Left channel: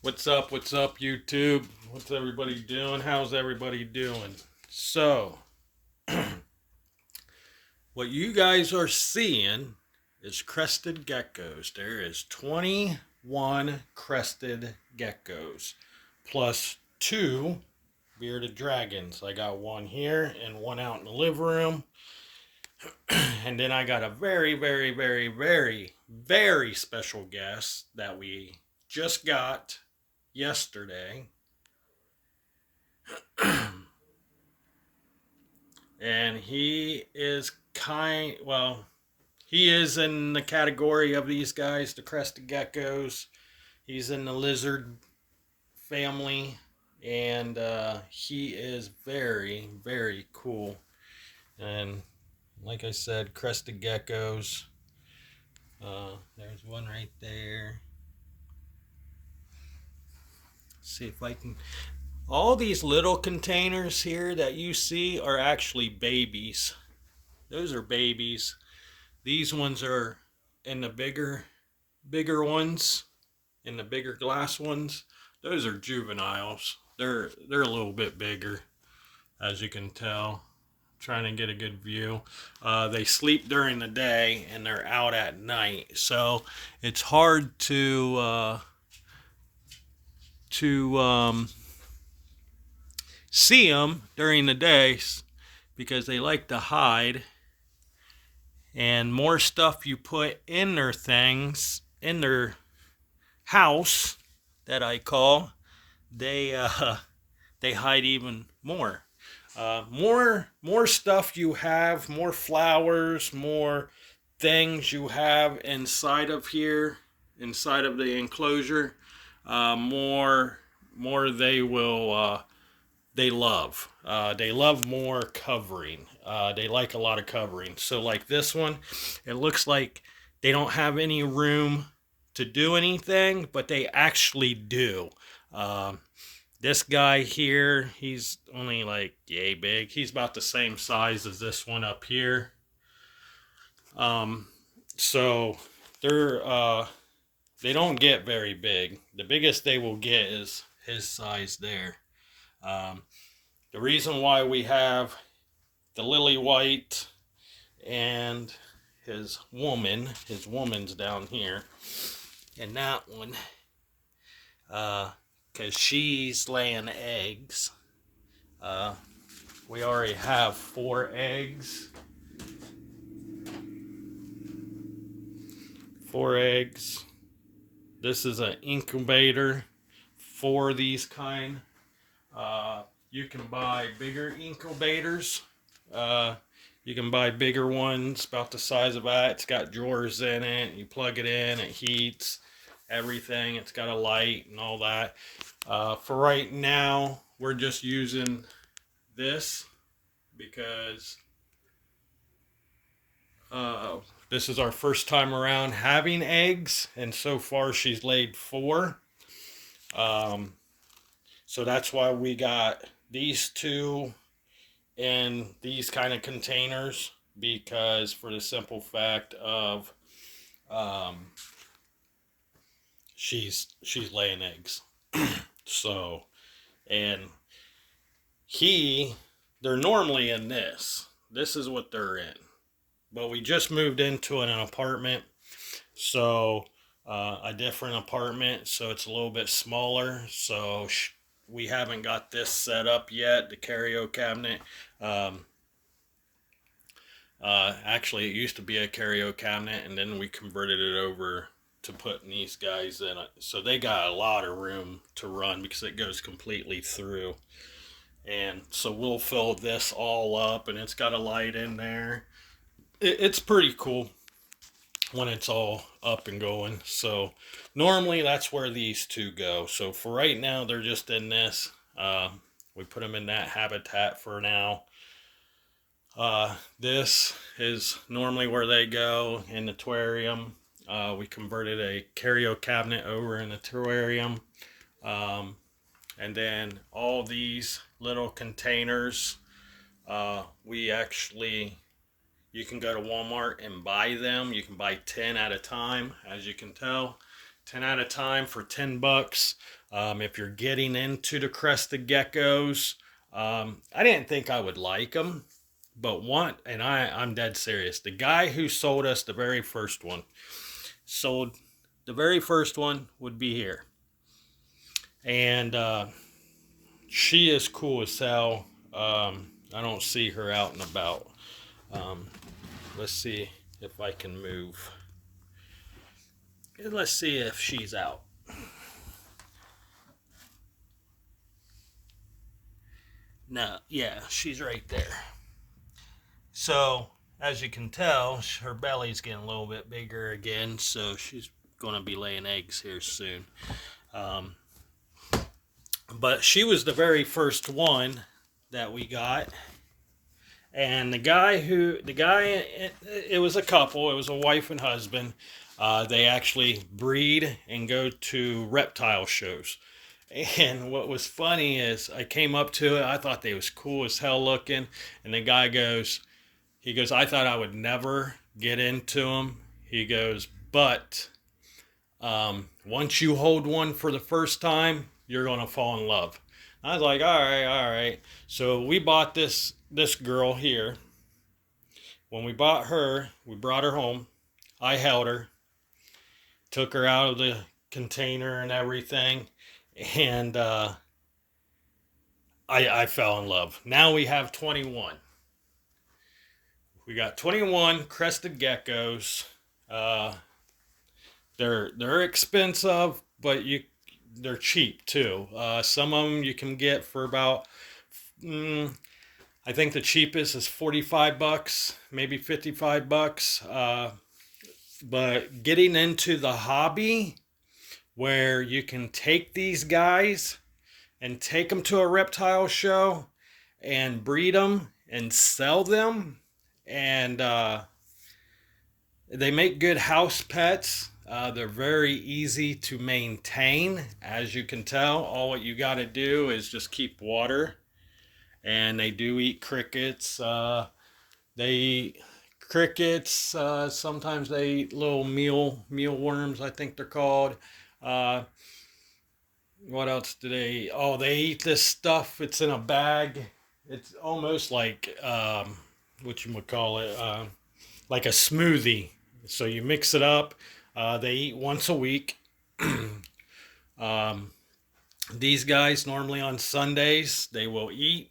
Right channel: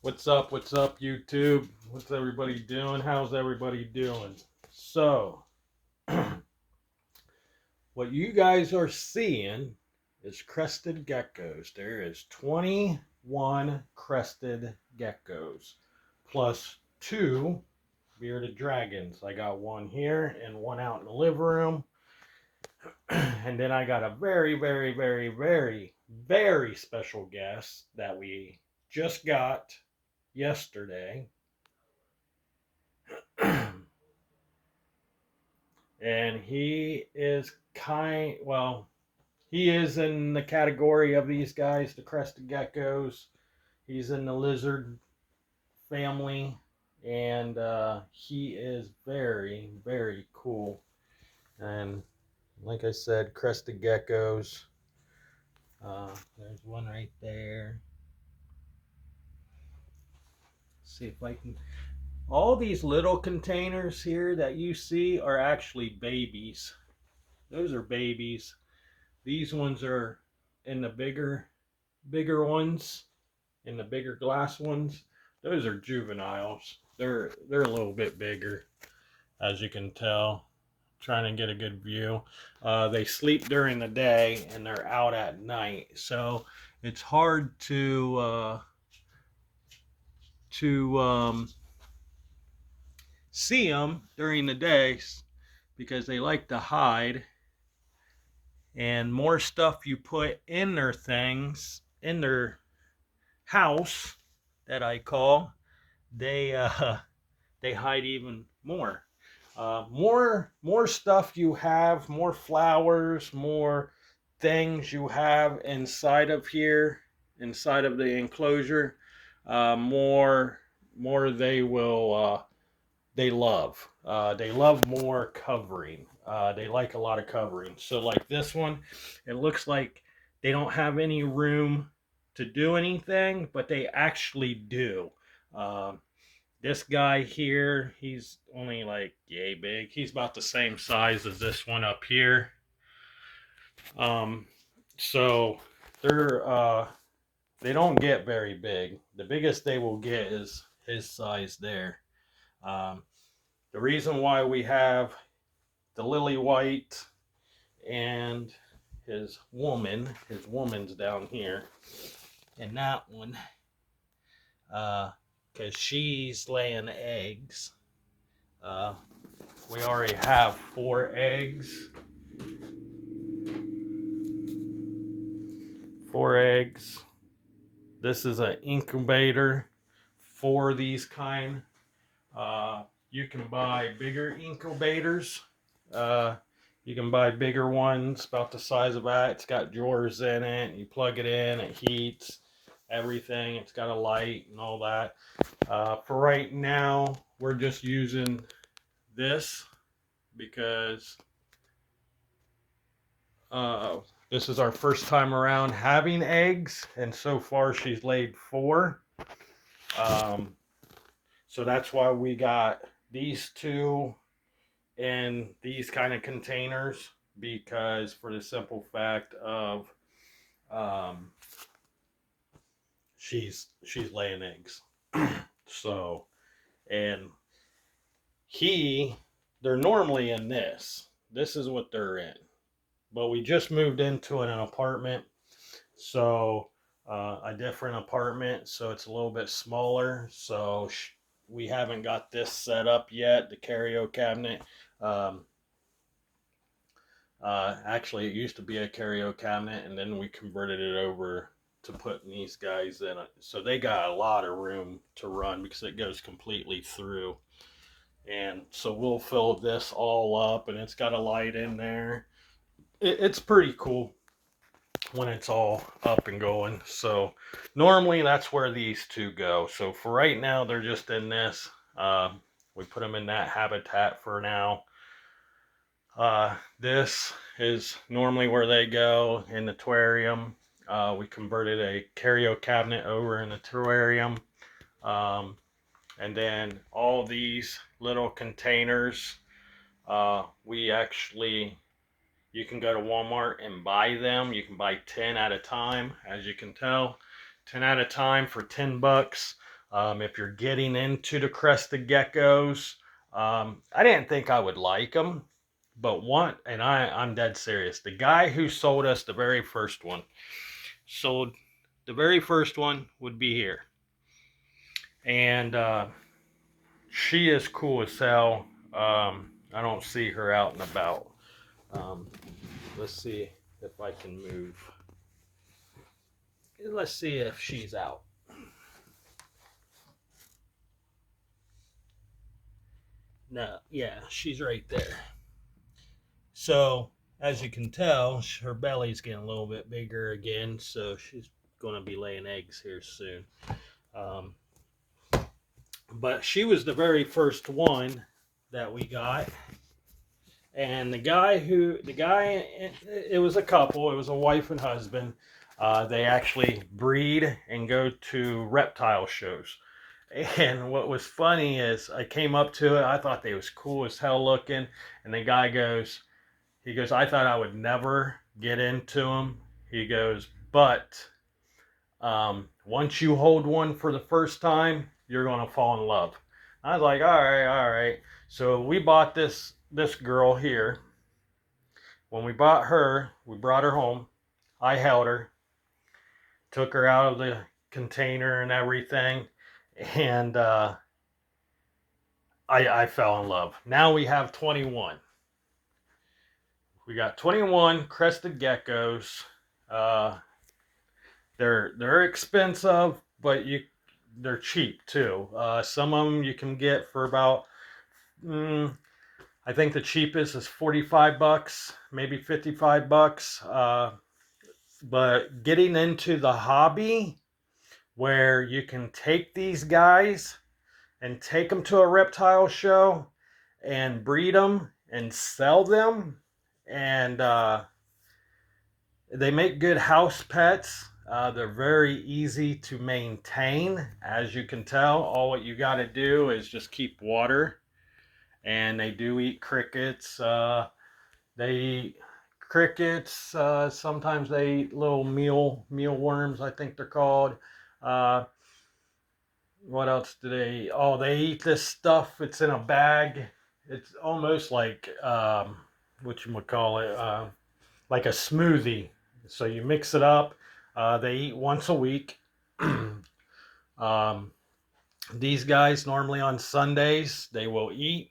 What's up, YouTube? What's everybody doing? How's everybody doing? So, what you guys are seeing is crested geckos. There is 21 crested geckos plus two bearded dragons. I got one here and one out in the living room. And then I got a very special guest that we just got yesterday. And he is he is in the category of these guys, the crested geckos. He's in the lizard family, and he is very cool. And like I said, crested geckos. There's one right there. Let's see if I can. All these little containers here that you see are actually babies. Those are babies. These ones are in the bigger ones, in the bigger glass ones. Those are juveniles. They're a little bit bigger, as you can tell. Trying to get a good view. They sleep during the day and they're out at night, so it's hard to see them during the day because they like to hide. And more stuff you put in their things, in their house, that I call, they they hide even more. More stuff you have, more flowers, more things you have inside of here, inside of the enclosure, more they love. They love more covering. They like a lot of covering. So like this one, it looks like they don't have any room to do anything, but they actually do. Um, this guy here, he's only like yay big. He's about the same size as this one up here. Um, so they don't get very big. The biggest they will get is his size there. Um, the reason why we have the lily white and his woman's down here, and that one, because she's laying eggs. Uh, we already have 4 eggs. 4 eggs. This is an incubator for these kind. You can buy bigger incubators. You can buy bigger ones about the size of that. It's got drawers in it. You plug it in, it heats everything. It's got a light and all that. For right now, we're just using this because this is our first time around having eggs, and so far she's laid 4. Um, so that's why we got these two in these kind of containers, because for the simple fact of um, she's laying eggs. So, and they're normally in this. This is what they're in. But we just moved into an apartment, so a different apartment, so it's a little bit smaller. So we haven't got this set up yet, the carryo cabinet. Um, Actually, it used to be a carryo cabinet, and then we converted it over to putting these guys in it. So they got a lot of room to run because it goes completely through. And so we'll fill this all up, and it's got a light in there. It's pretty cool when it's all up and going. So normally that's where these two go. So for right now, they're just in this. We put them in that habitat for now. This is normally where they go in the aquarium. We converted a carryo cabinet over in a terrarium. Um, and then all these little containers, we actually, you can go to Walmart and buy them. You can buy 10 at a time, as you can tell. 10 at a time for 10 bucks. If you're getting into the crested geckos, I didn't think I would like them, but I'm dead serious. The guy who sold us the very first one sold the very first one would be here. And she is cool as hell. I don't see her out and about. Um, let's see if I can move. Let's see if she's out. No, yeah, she's right there. So, as you can tell, her belly's getting a little bit bigger again, so she's going to be laying eggs here soon. Um, but she was the very first one that we got. And it was a couple, it was a wife and husband. They actually breed and go to reptile shows. And what was funny is I came up to it, I thought they was cool as hell looking. And the guy goes, I thought I would never get into them. He goes, but once you hold one for the first time, you're going to fall in love. I was like, all right, all right. So we bought this girl here. When we bought her, we brought her home. I held her, took her out of the container and everything, and I fell in love. Now we have 21. We got 21 crested geckos. Uh, they're expensive, but they're cheap too. Some of them you can get for about, I think the cheapest is 45 bucks, maybe 55 bucks. But getting into the hobby where you can take these guys and take them to a reptile show and breed them and sell them, and they make good house pets. They're very easy to maintain. As you can tell, all what you got to do is just keep water. And they do eat crickets. They eat crickets. Sometimes they eat little mealworms, I think they're called. Uh, what else do they eat? Oh, they eat this stuff. It's in a bag. It's almost like, what you would call it, like a smoothie. So you mix it up. They eat once a week. um, these guys normally on Sundays they will eat.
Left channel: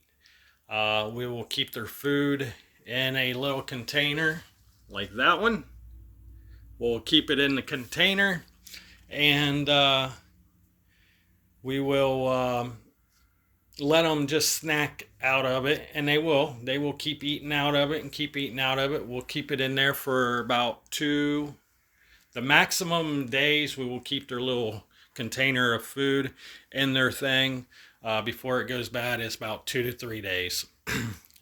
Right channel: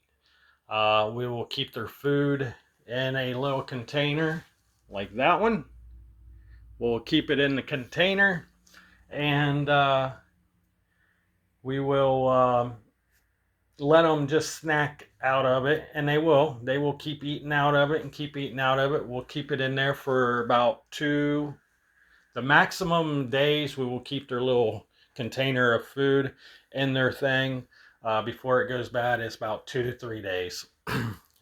We will keep their food in a little container like that one. We'll keep it in the container, and we will let them just snack out of it, and they will keep eating out of it and keep eating out of it. We'll keep it in there for about the maximum days we will keep their little container of food in their thing before it goes bad is about 2 to 3 days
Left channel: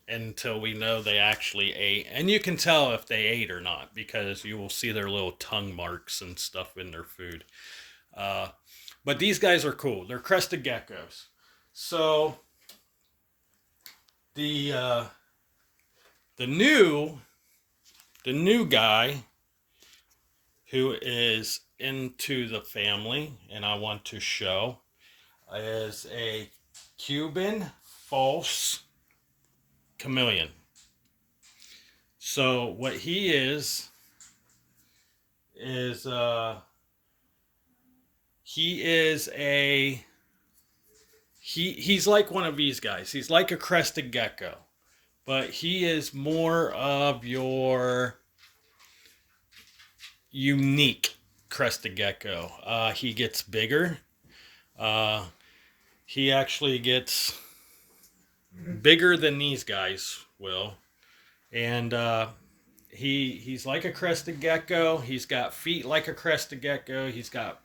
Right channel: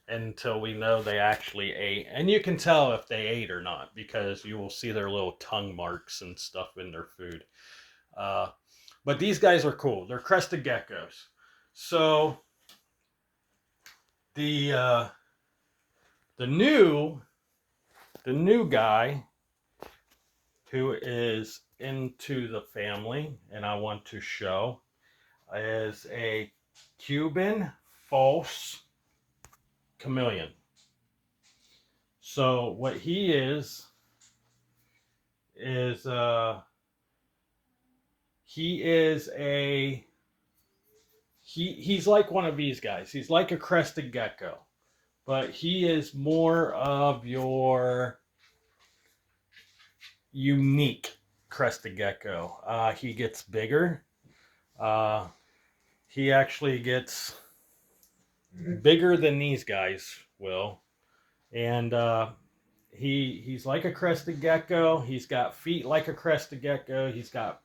until we know they actually ate. And you can tell if they ate or not because you will see their little tongue marks and stuff in their food. But these guys are cool. They're crested geckos. So the new guy who is into the family and I want to show is a Cuban false chameleon. So what he is he is he's like one of these guys. He's like a crested gecko, but he is more of your unique crested gecko. He gets bigger. He actually gets bigger than these guys will, and he's like a crested gecko. He's got feet like a crested gecko. He's got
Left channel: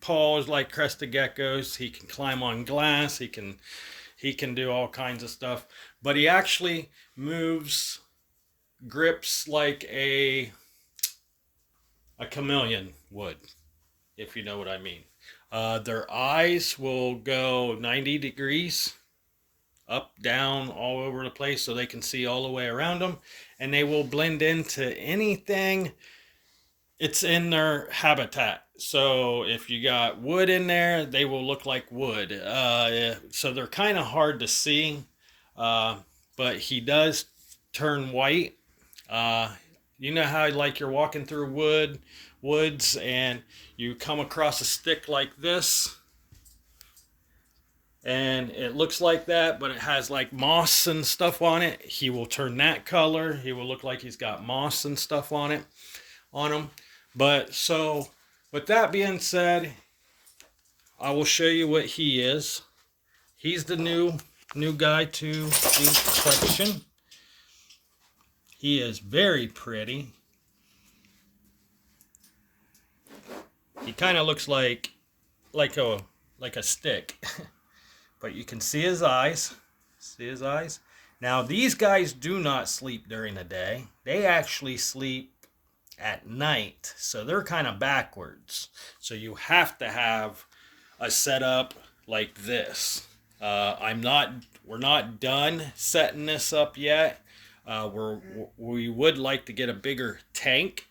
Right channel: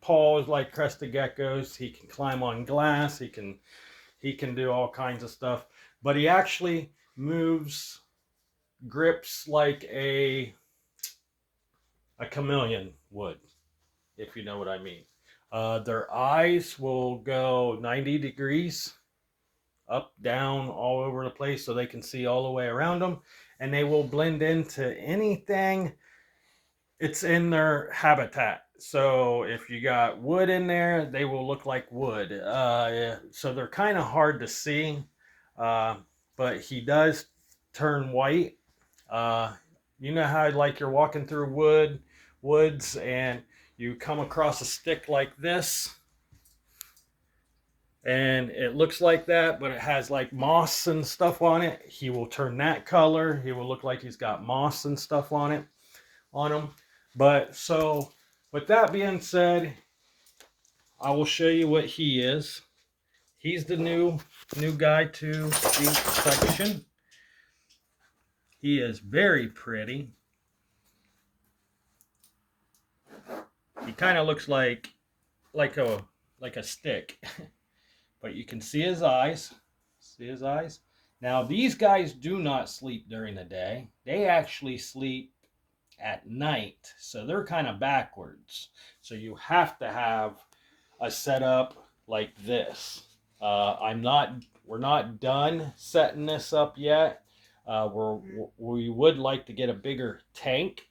paws like crested geckos. He can climb on glass. He can do all kinds of stuff. But he actually moves, grips like a a chameleon would, if you know what I mean. Their eyes will go 90 degrees, up, down, all over the place, so they can see all the way around them, and they will blend into anything it's in their habitat. So if you got wood in there, they will look like wood. Yeah, so they're kind of hard to see, uh, but he does turn white. Uh, you know how like you're walking through woods and you come across a stick like this, and it looks like that, but it has like moss and stuff on it. He will turn that color. He will look like he's got moss and stuff on him. But so, with that being said, I will show you what he is. He's the new guy to the collection. He is very pretty. He kind of looks like a stick, but you can see his eyes. See his eyes. Now these guys do not sleep during the day. They actually sleep at night, so they're kind of backwards. So you have to have a setup like this. We're not done setting this up yet. We would like to get a bigger tank,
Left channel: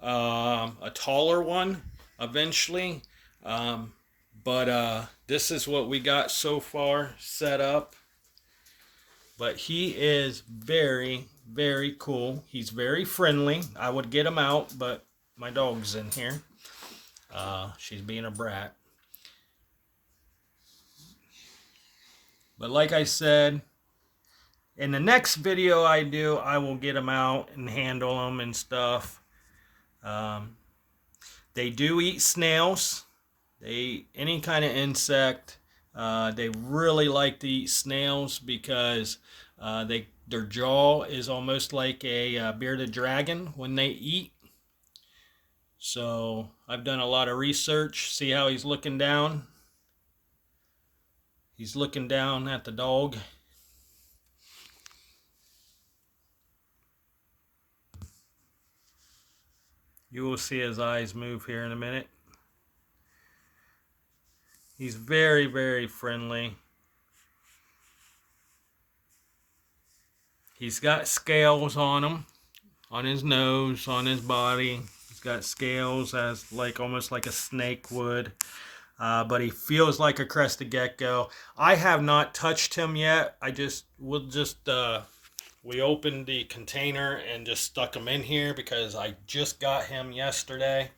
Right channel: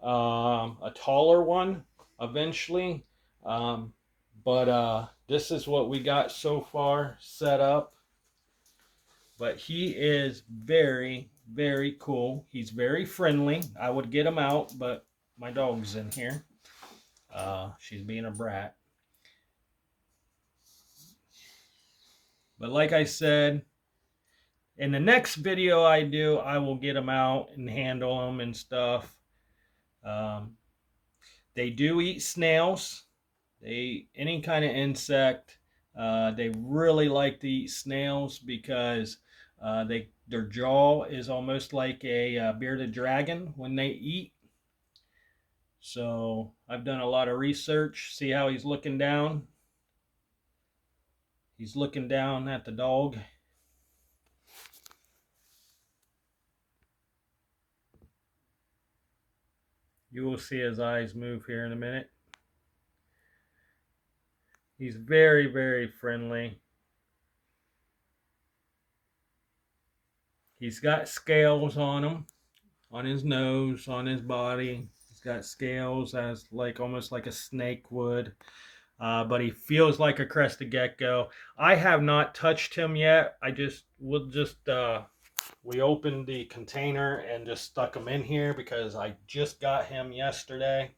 a taller one eventually. But this is what we got so far set up. But he is very, very cool. He's very friendly. I would get him out, but my dog's in here. She's being a brat. But like I said, in the next video I do, I will get them out and handle them and stuff. They do eat snails. They eat any kind of insect. They really like to eat snails because their jaw is almost like a bearded dragon when they eat. So I've done a lot of research. See how he's looking down? He's looking down at the dog. You will see his eyes move here in a minute. He's very, very friendly. He's got scales on him, on his nose, on his body. He's got scales as like almost like a snake would. But he feels like a crested gecko. I have not touched him yet. We opened the container and just stuck him in here because I just got him yesterday.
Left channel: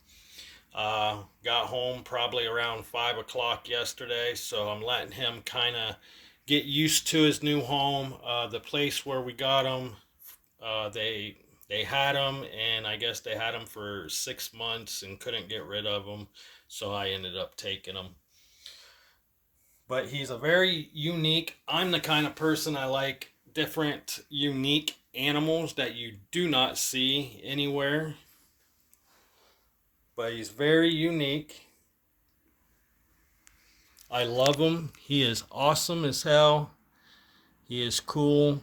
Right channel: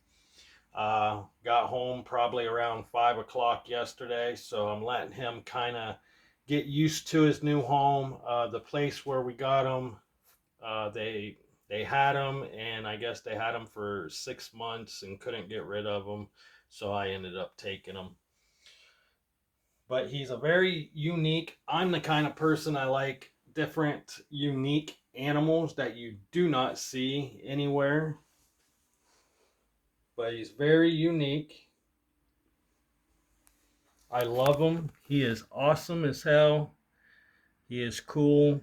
Got home probably around 5 o'clock yesterday, so I'm letting him kind of get used to his new home. The place where we got him, they had him, and I guess they had him for 6 months and couldn't get rid of him, so I ended up taking him. But he's a very unique. I'm the kind of person I like different, unique animals that you do not see anywhere. But he's very unique. I love him. He is awesome as hell. He is cool.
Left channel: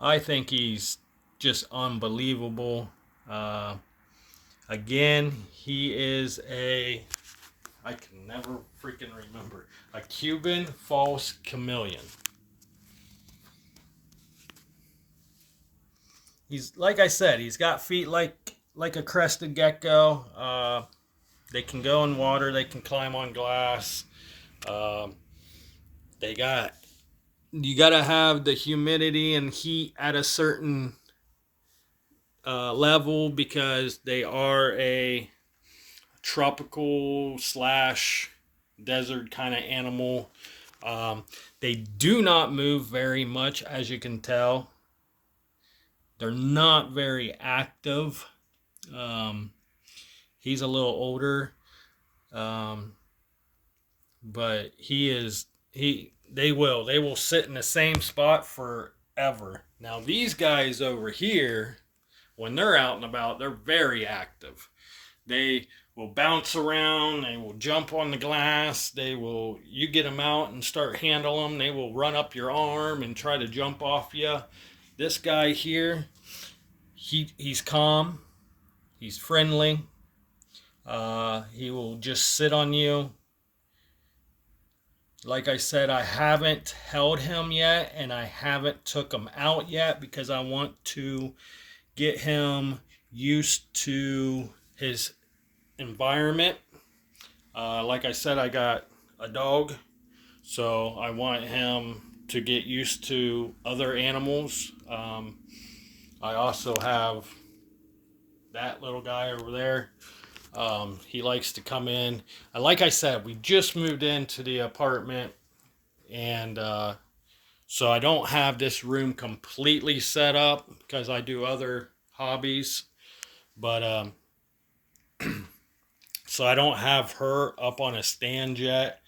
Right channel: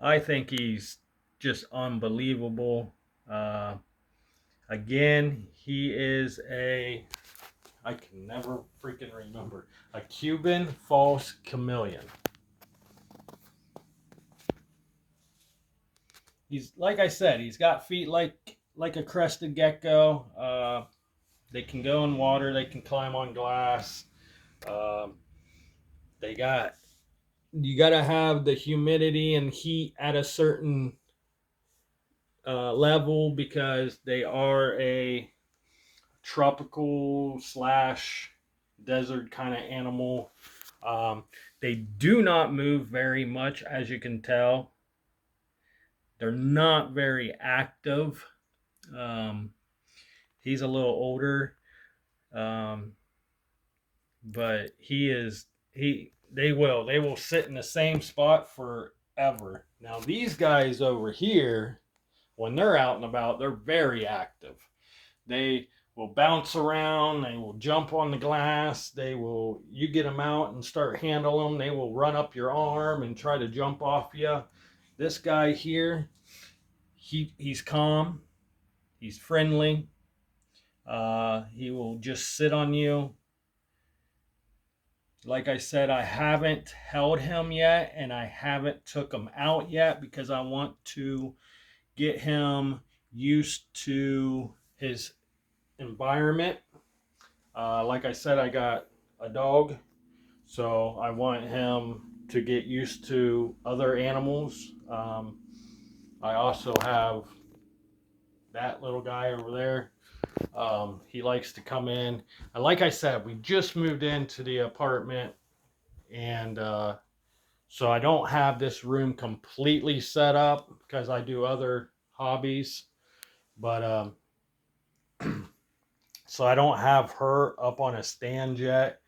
I think he's just unbelievable. Again, he is I can never freaking remember, a Cuban false chameleon. He's, like I said, he's got feet like a crested gecko. They can go in water. They can climb on glass. You gotta have the humidity and heat at a certain level because they are a tropical / desert kind of animal. They do not move very much, as you can tell. They're not very active. He's a little older, but they will sit in the same spot forever. Now these guys over here, when they're out and about, they're very active. They will bounce around. They will jump on the glass. You get them out and start handling them. They will run up your arm and try to jump off you. This guy here, He's calm. He's friendly. He will just sit on you. Like I said, I haven't held him yet, and I haven't took him out yet because I want to get him used to his environment. Like I said, I got a dog, so I want him to get used to other animals. I also have that little guy over there. He likes to come in. Like I said, we just moved into the apartment, and so I don't have this room completely set up because I do other hobbies. But so I don't have her up on a stand yet.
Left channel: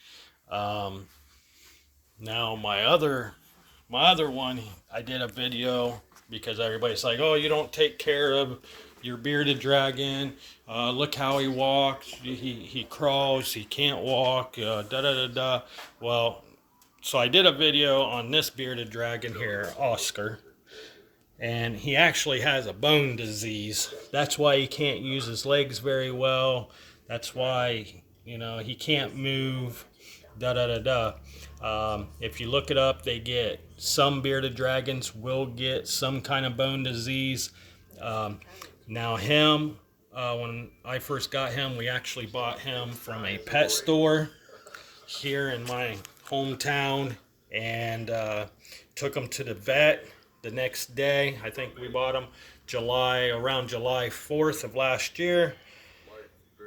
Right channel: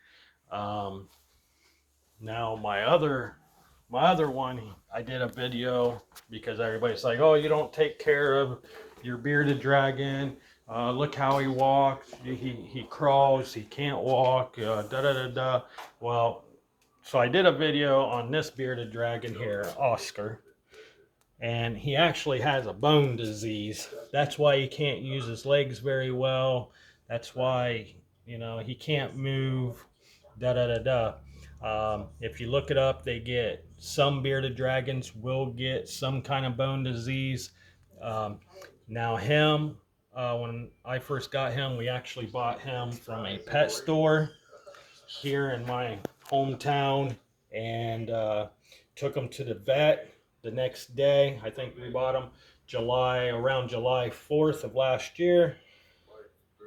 Um, Now my other one, I did a video because everybody's like, "Oh, you don't take care of your bearded dragon. Look how he walks. He crawls. He can't walk. Da da da da." Well, so I did a video on this bearded dragon here, Oscar, and he actually has a bone disease. That's why he can't use his legs very well. That's why he can't move. Da da da da. If you look it up, they get some bearded dragons will get some kind of bone disease. Um, Now him, when I first got him, we actually bought him from a pet store here in my hometown, and took him to the vet the next day. I think we bought him around July 4th of last year.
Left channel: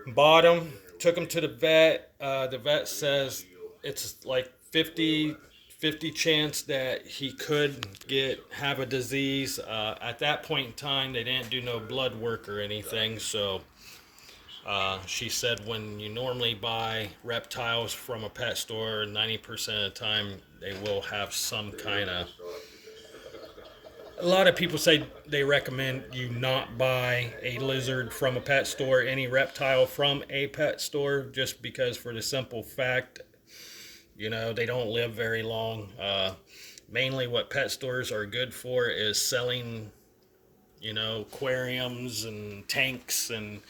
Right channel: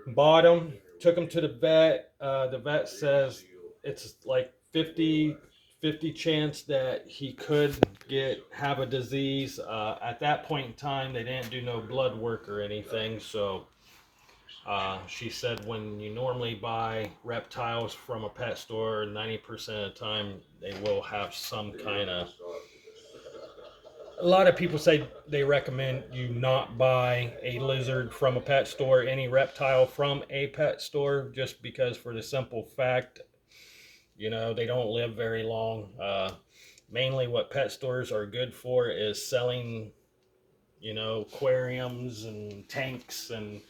Bought him, took him to the vet. The vet says it's like 50 chance that he could have a disease. At that point in time, they didn't do no blood work or anything, so she said when you normally buy reptiles from a pet store, 90% of the time they will have some kind of. A lot of people say they recommend you not buy a lizard from a pet store, any reptile from a pet store, just because for the simple fact, they don't live very long. Mainly what pet stores are good for is selling, aquariums and tanks and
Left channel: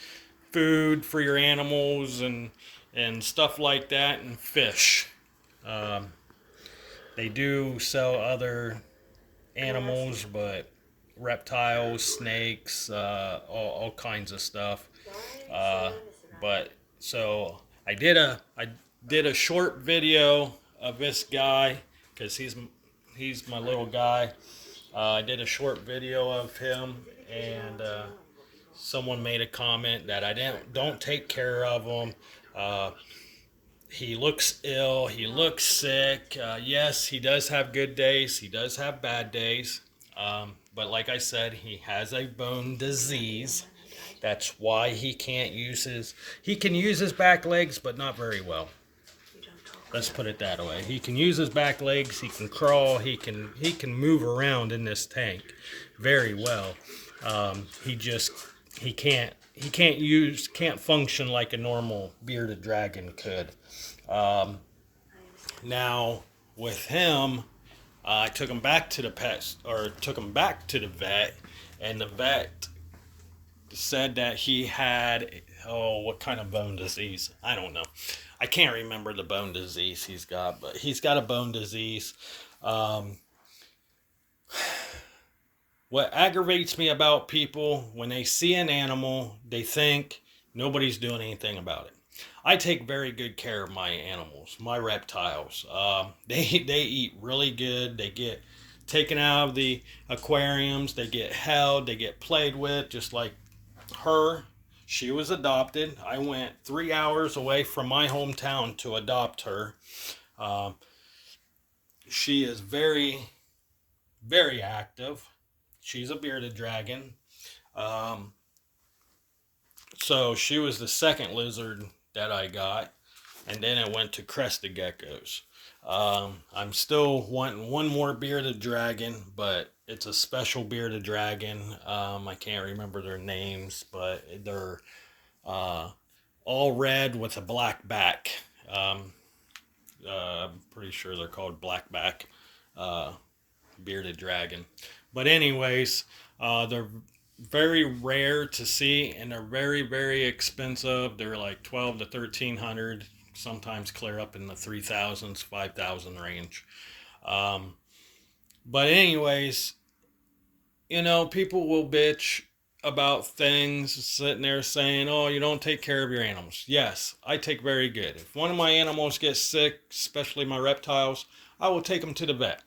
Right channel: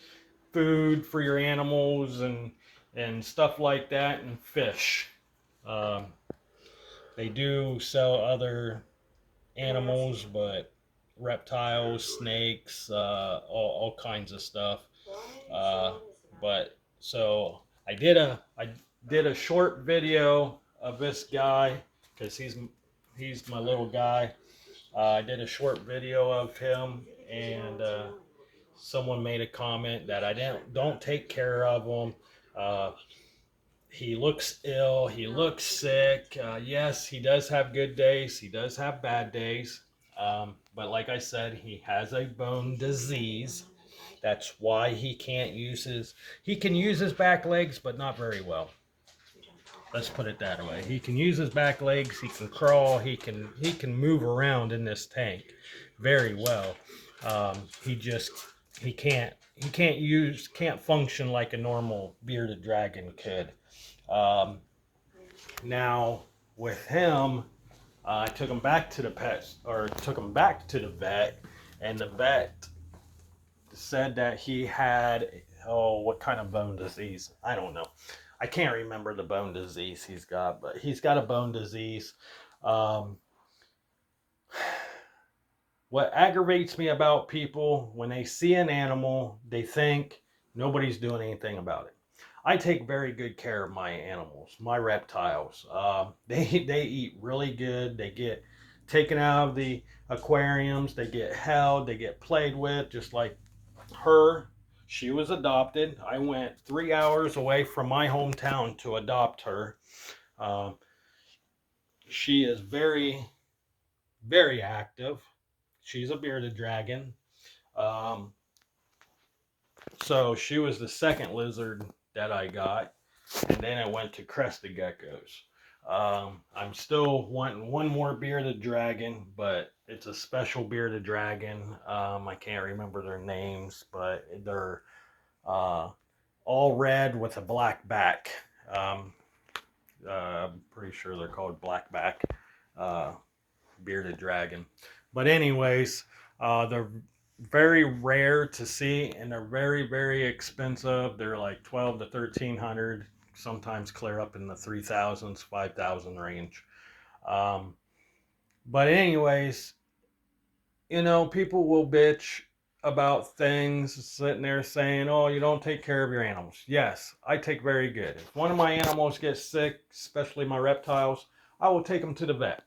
food for your animals and stuff like that, and fish. Um, they do sell other animals, but reptiles, snakes, all kinds of stuff. Uh, but so I did a short video of this guy because he's my little guy. I did a short video of him, and someone made a comment that I don't take care of him. Uh, he looks ill. He looks sick. Yes, he does have good days. He does have bad days. But like I said, he has a bone disease. That's why he can't use he can use his back legs, but not very well. Let's put it that way. He can use his back legs. He can crawl. He can move around in this tank very well. He can't function like a normal bearded dragon could. Um, Now with him, I took him back to the took him back to the vet, and the vet said that he had, what kind of bone disease? I don't know. I can't remember the bone disease he's got, but he's got a bone disease. Um, what aggravates me about people when they see an animal, they think nobody's doing anything about it. I take very good care of my animals, my reptiles. They eat really good. They get taken out of the aquariums. They get held. They get played with, just like her. She was adopted. I went 3 hours away from my hometown to adopt her. Um, she is very, very active. She's a bearded dragon. Um, so she was the second lizard that I got, and then I went to crested geckos. I'm still wanting one more bearded dragon, but it's a special bearded dragon. I can't remember their names, but they're uh, all red with a black back. Um, I'm pretty sure they're called blackback uh, bearded dragon. But anyways, they're very rare to see, and they're very, very expensive. They're like 12 to 1300, sometimes clear up in the 3000s, 5000 range. Um, but anyways, people will bitch about things, sitting there saying, "Oh, you don't take care of your animals." Yes, I take very good. If one of my animals gets sick, especially my reptiles, I will take them to the vet.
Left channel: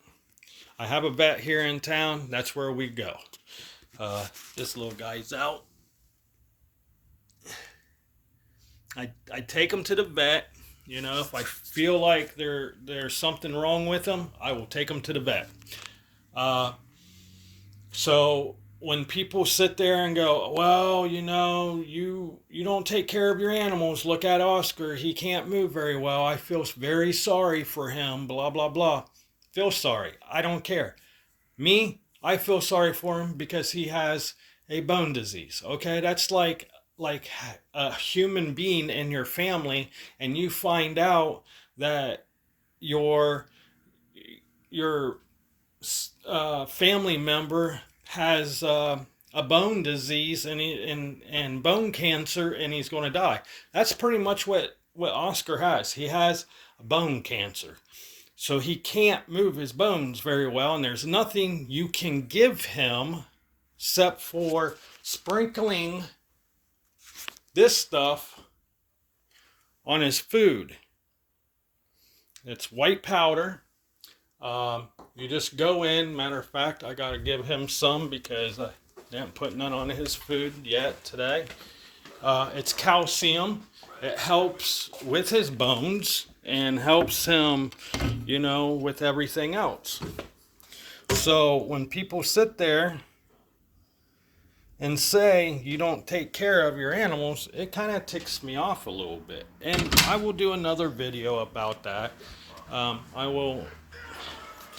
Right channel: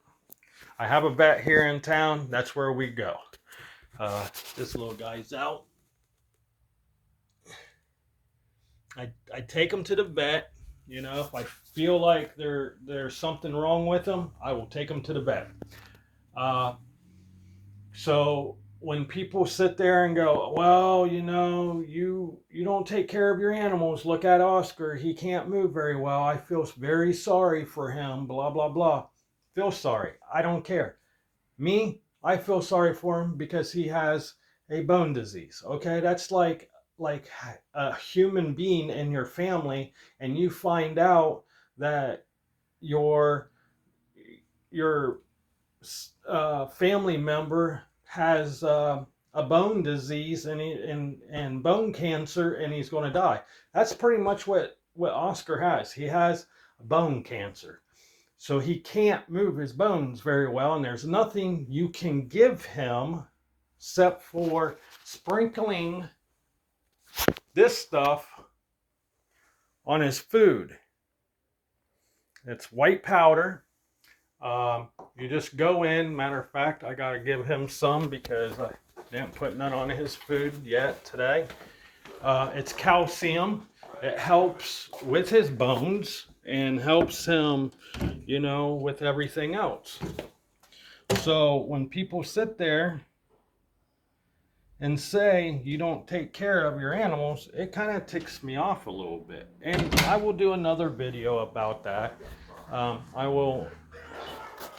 I have a vet here in town. That's where we go. This little guy's out. I take them to the vet. If I feel like there's something wrong with them, I will take them to the vet. Uh, so when people sit there and go, "Well, you don't take care of your animals. Look at Oscar. He can't move very well. I feel very sorry for him. Blah blah blah." Feel sorry. I don't care. Me, I feel sorry for him because he has a bone disease. Okay, that's like a human being in your family, and you find out that your your family member has a bone disease and bone cancer, and he's going to die. That's pretty much what Oscar has. He has bone cancer. So he can't move his bones very well, and there's nothing you can give him except for sprinkling this stuff on his food. It's white powder. You just go in. Matter of fact, I got to give him some because I didn't put none on his food yet today. It's calcium. It helps with his bones and helps him, with everything else. So when people sit there and say you don't take care of your animals, it kind of ticks me off a little bit. And I will do another video about that. I will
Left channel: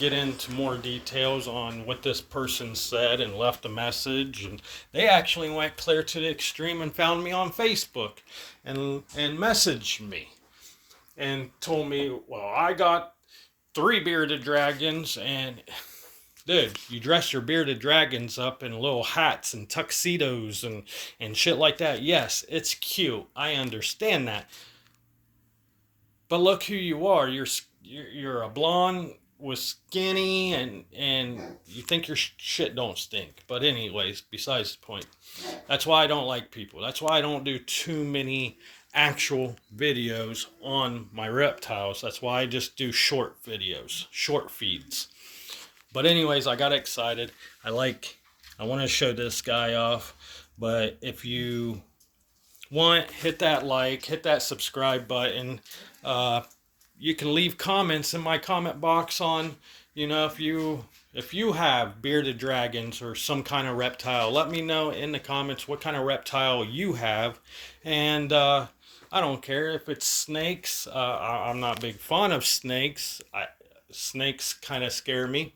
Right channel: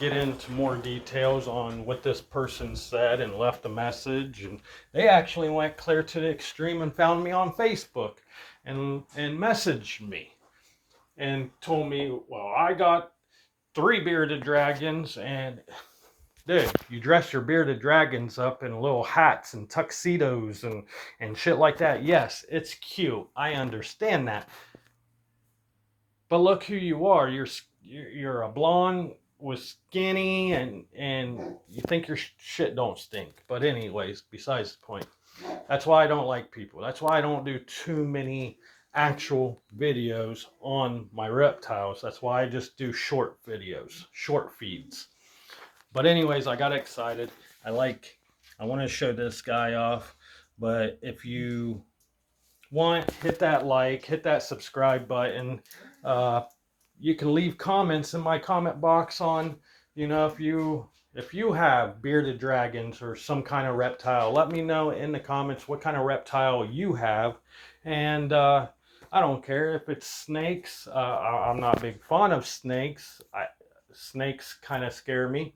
get into more details on what this person said and left a message. And they actually went clear to the extreme and found me on Facebook and messaged me and told me, "Well, I got 3 bearded dragons, and dude, you dress your bearded dragons up in little hats and tuxedos and shit like that. Yes, it's cute. I understand that. But look who you are. You're a blonde with skinny, and you think your shit don't stink." But anyways, besides the point. That's why I don't like people. That's why I don't do too many actual videos on my reptiles. That's why I just do short videos, short feeds. But anyways, I got excited. I want to show this guy off. But if you want, hit that like, hit that subscribe button. You can leave comments in my comment box on, if you have bearded dragons or some kind of reptile. Let me know in the comments what kind of reptile you have. And I don't care if it's snakes. I'm not a big fan of snakes. Snakes kind of scare me.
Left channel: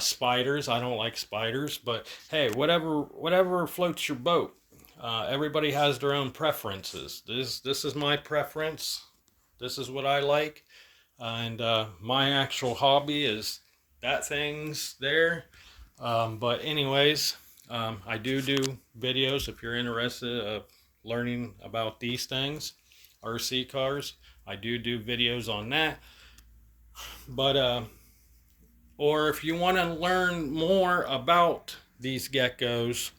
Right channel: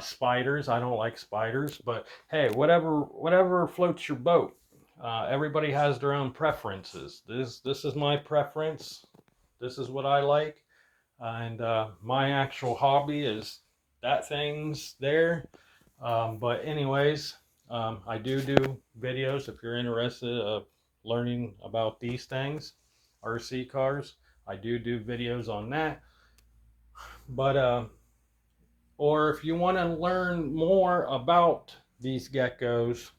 Spiders, I don't like spiders, but hey, whatever floats your boat. Everybody has their own preferences. This is my preference. This is what I like, and my actual hobby is that thing's there. But anyways, I do videos if you're interested of learning about these things, RC cars. I do videos on that. But or if you want to learn more about these geckos,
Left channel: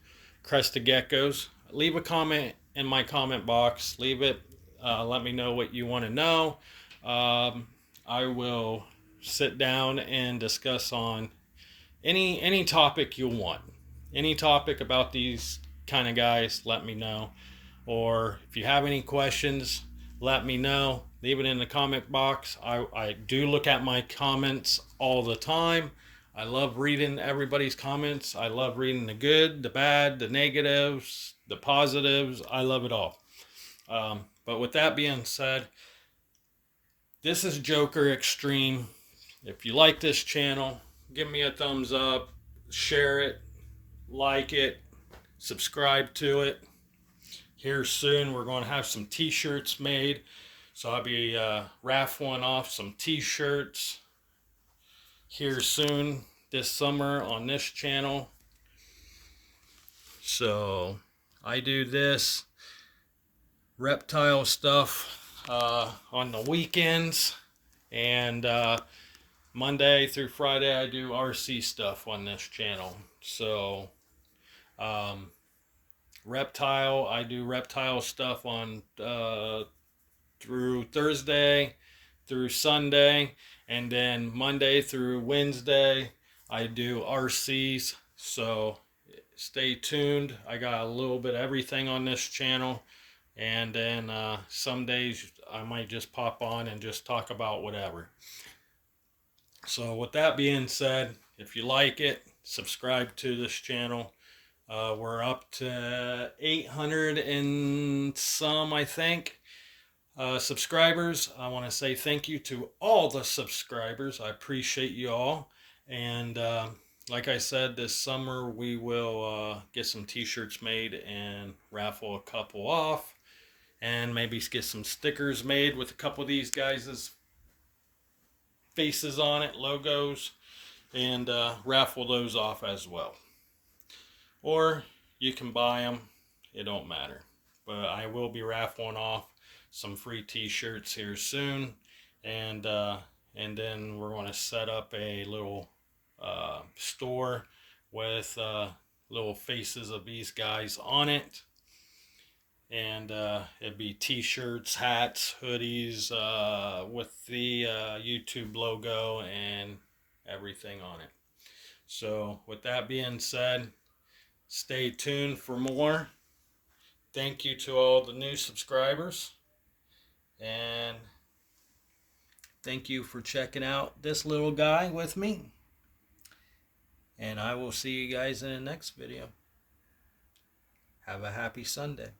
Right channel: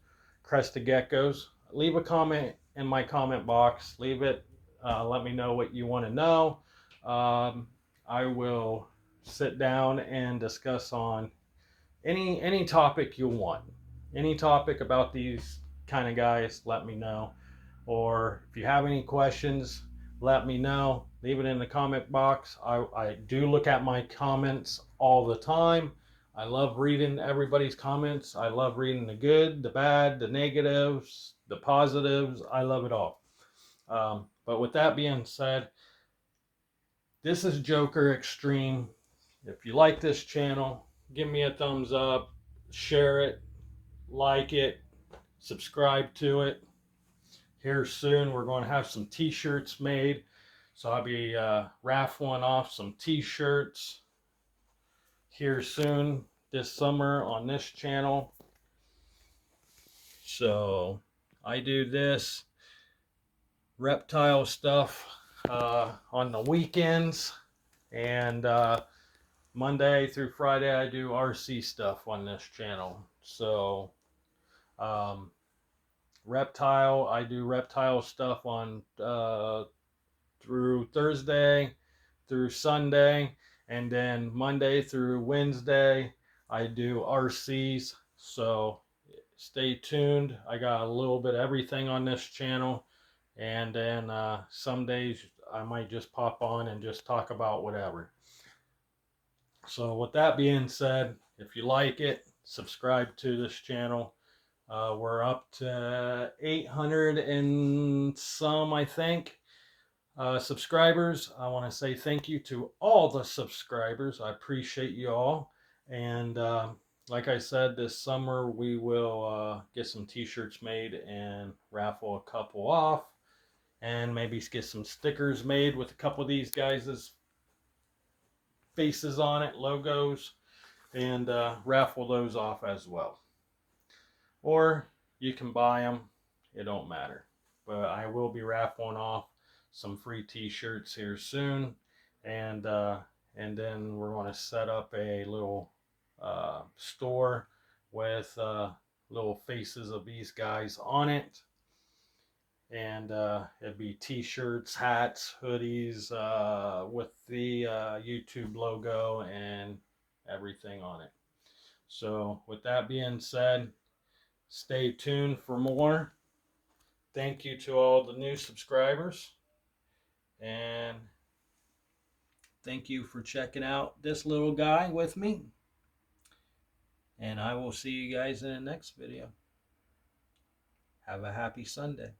crested geckos, leave a comment in my comment box. Leave it. Let me know what you want to know. I will sit down and discuss on any topic you want. Any topic about these kind of guys, let me know. Or if you have any questions, let me know. Leave it in the comment box. I do look at my comments all the time. I love reading everybody's comments. I love reading the good, the bad, the negatives, the positives. I love it all. But with that being said, this is Joker Extreme. If you like this channel, give me a thumbs up, share it, like it, subscribe to it. Here soon we're going to have some t-shirts made, so I'll be raffling off some t-shirts here soon this summer on this channel. So I do this reptile stuff on the weekends, and Monday through Friday I do RC stuff on this channel. So um, I do reptile stuff on through Thursday through Sunday, and then Monday through Wednesday I do RCs. So stay tuned. I got a little bit of everything on this channel, and then some days I might just pop on and just talk about whatever. So with that being said, if you like it, subscribe to this channel. We're up to 800 and some, I think, subscribers. I want to say thank you to all the subscribers. I appreciate you all. And like I said, this summer we will get some t-shirts made and raffle a couple off, and maybe get some stickers made with a couple of these guys' faces on it, logos, and raffle those off as well. Or you can buy them, it don't matter. But I will be raffling off some free t-shirts here soon, and then we're going to set up a little store with little faces of these guys on it, and it'd be t-shirts, hats, hoodies with the YouTube logo and everything on it. So with that being said, stay tuned for more. Thank you to all the new subscribers, and thank you for checking out this little guy with me, and I will see you guys in the next video. Have a happy Sunday.